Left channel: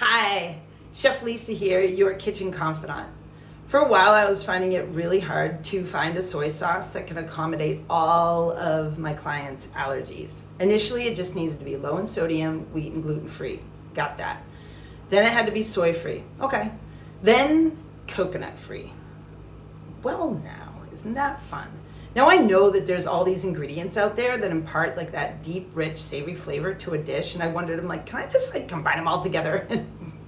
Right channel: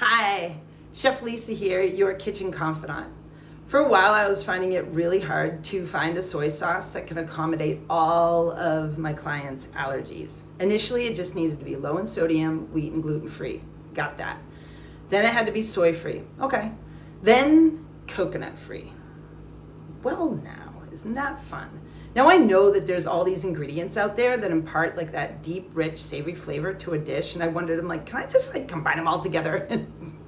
Hi, Chef Lisa here, your kitchen confidant. For a while I was finding it really hard to find a soy sauce that can accommodate all of my clients' allergies. Initially it just needed to be low in sodium, wheat and gluten free. Got that. Then it had to be soy free. Okay. Then coconut free. Well now, isn't that fun? Now I know that there's all these ingredients out there that impart like that deep, rich, savory flavor to a dish, and I wondered, I'm like, can I just like combine them all together and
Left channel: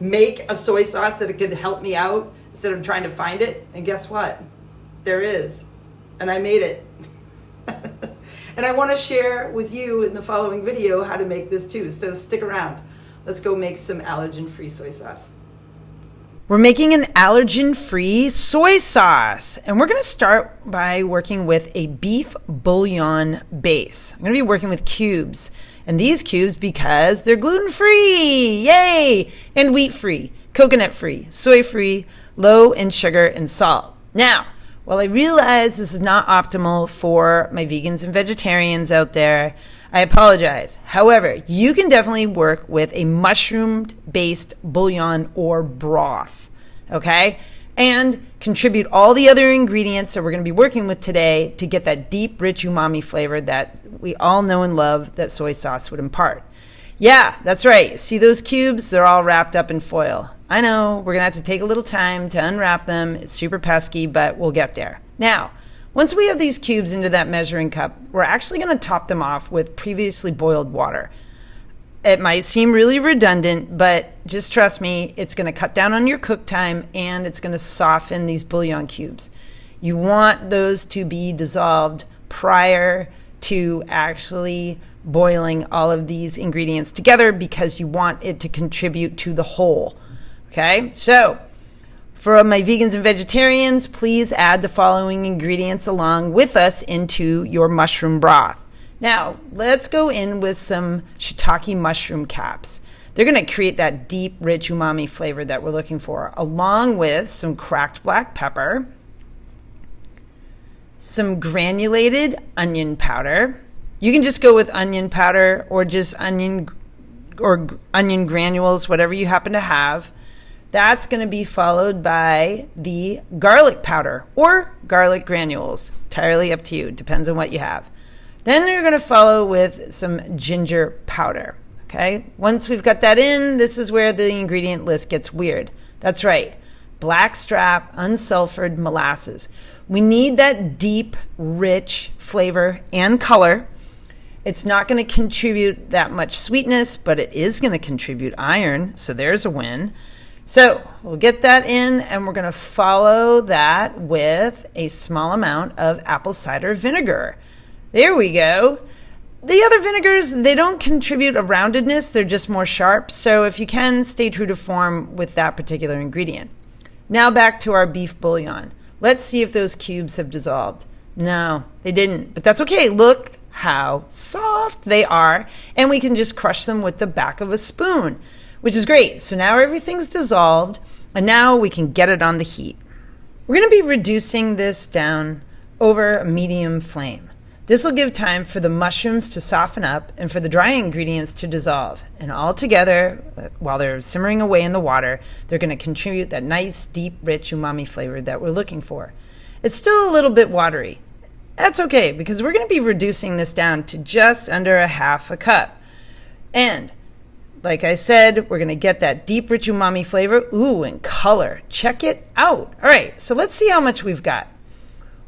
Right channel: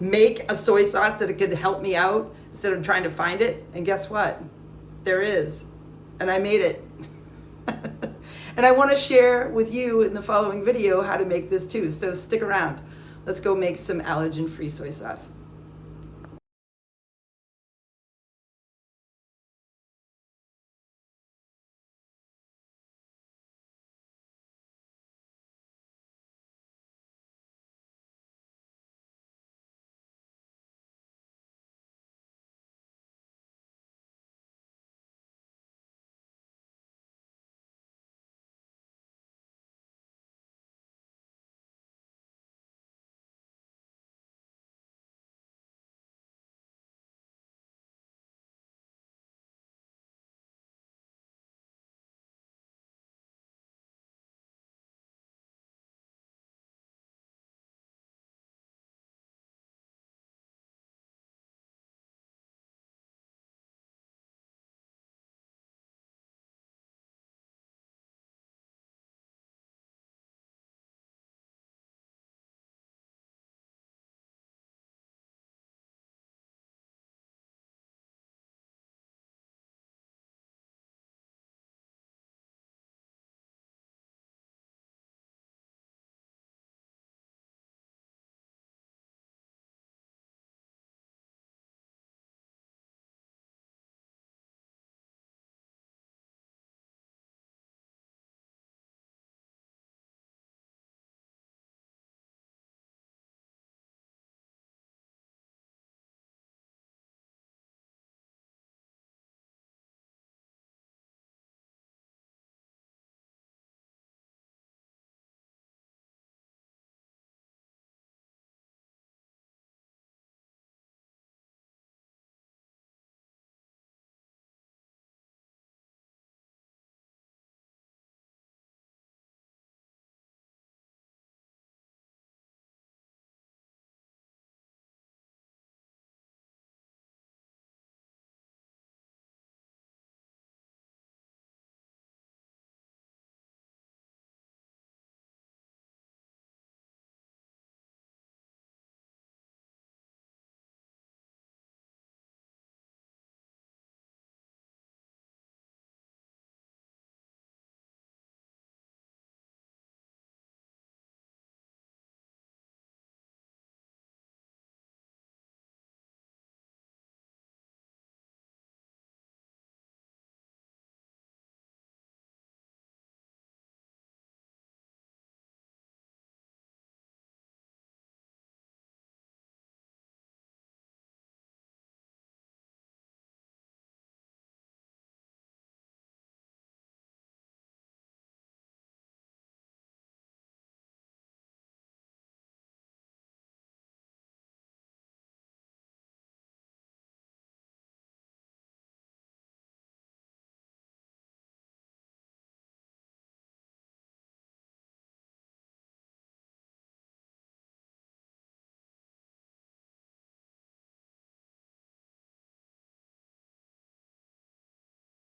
make a soy sauce that it could help me out instead of trying to find it? And guess what? There is, and I made it. And I want to share with you in the following video how to make this too, so stick around. Let's go make some allergen-free soy sauce. We're making an allergen-free soy sauce, and we're going to start by working with a beef bouillon base. I'm going to be working with cubes, and these cubes because they're gluten-free, yay, and wheat-free, coconut-free, soy-free, low in sugar and salt. Now, while I realize this is not optimal for my vegans and vegetarians out there, I apologize. However, you can definitely work with a mushroom-based bouillon or broth, okay? And contribute all the other ingredients that we're going to be working with today to get that deep, rich umami flavor that we all know and love that soy sauce would impart. Yeah, that's right. See those cubes? They're all wrapped up in foil. I know, we're going to have to take a little time to unwrap them. It's super pesky, but we'll get there. Now, once we have these cubes into that measuring cup, we're actually going to top them off with previously boiled water. It might seem really redundant, but just trust me, it's going to cut down on your cook time and it's going to soften these bouillon cubes. You want those to be dissolved prior to actually boiling all of these ingredients together because you want it to contribute to the whole. Okay, so for my vegans and vegetarians, please add the following ingredients along with us into your mushroom broth. Now, let's go in with some shiitake mushroom caps. They're going to create that deep, rich umami flavor that we're looking for, along with some cracked black pepper, some granulated onion powder. You can just go with onion powder or just onion granules, whatever you happen to have. That's going to be followed by the garlic powder or garlic granules. Entirely up to you. Depends on what you have. Then you're going to follow with some ginger powder. Okay. Once we've got that in, this is where the ingredient list gets weird. That's right. Blackstrap unsulfured molasses. We need that deep, rich flavor and color. It's not going to contribute that much sweetness, but it is going to contribute iron. So there's a win. So we'll get that in, and we're going to follow that with a small amount of apple cider vinegar. There we go. The other vinegars, they don't contribute a roundedness. They're just more sharp. So if you can, stay true to form with that particular ingredient. Now back to our beef bouillon. Let's see if those cubes have dissolved. No, they didn't, but that's okay. Look how soft they are, and we can just crush them with the back of a spoon, which is great. So now everything's dissolved, and now we can get it on the heat. We're going to be reducing this down over a medium flame. This will give time for the mushrooms to soften up and for the dry ingredients to dissolve. And all together, while they're simmering away in the water, they're going to contribute that nice, deep, rich umami flavor that we're looking for. It's still a little bit watery. That's okay, because we're going to be reducing this down to just under a half a cup. And like I said, we're going to get that deep, rich umami flavor. Ooh, and color. Check it out. All right, so let's see how much we've got.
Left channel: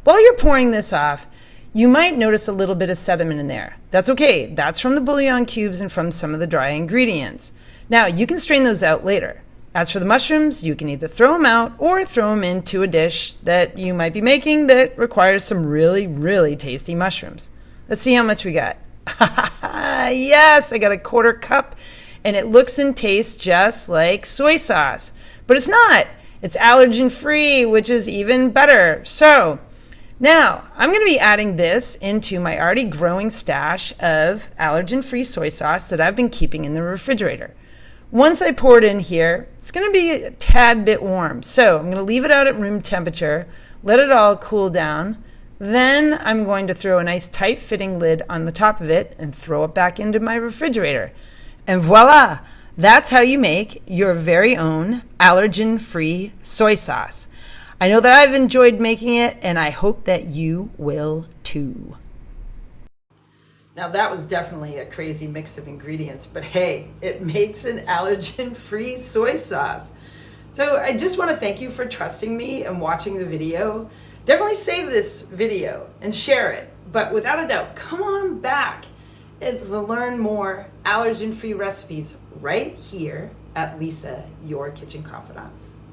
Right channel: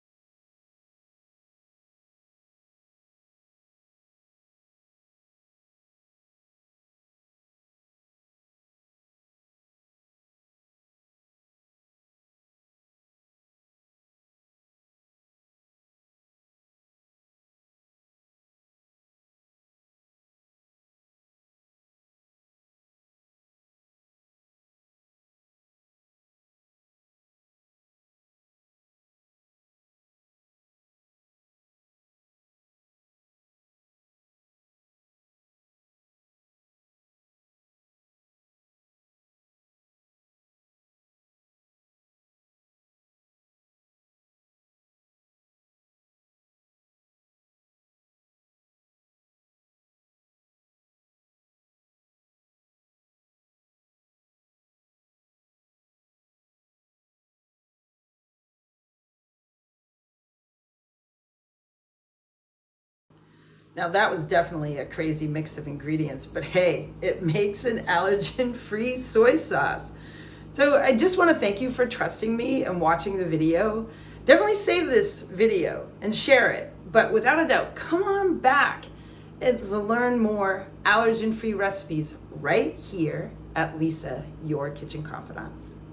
While you're pouring this off, you might notice a little bit of sediment in there. That's okay. That's from the bouillon cubes and from some of the dry ingredients. Now, you can strain those out later. As for the mushrooms, you can either throw them out or throw them into a dish that you might be making that requires some really, really tasty mushrooms. Let's see how much we got. Yes, I got a quarter cup. And it looks and tastes just like soy sauce. But it's not. It's allergen-free, which is even better. So now I'm going to be adding this into my already growing stash of allergen-free soy sauce that I've been keeping in the refrigerator. Once I pour it in here, it's going to be a tad bit warm. So I'm going to leave it out at room temperature, let it all cool down. Then I'm going to throw a nice tight fitting lid on the top of it and throw it back into my refrigerator. And voila, That's how you make your very own allergen-free soy sauce. I know that I've enjoyed making it, and I hope that you will too. Now that was definitely a crazy mix of ingredients, but hey, it makes an allergen-free soy sauce. So I just want to thank you for trusting me and watching the video. Definitely save this video and share it, but without a doubt, come on back and learn more allergen-free recipes right here at Lisa, your kitchen confidant.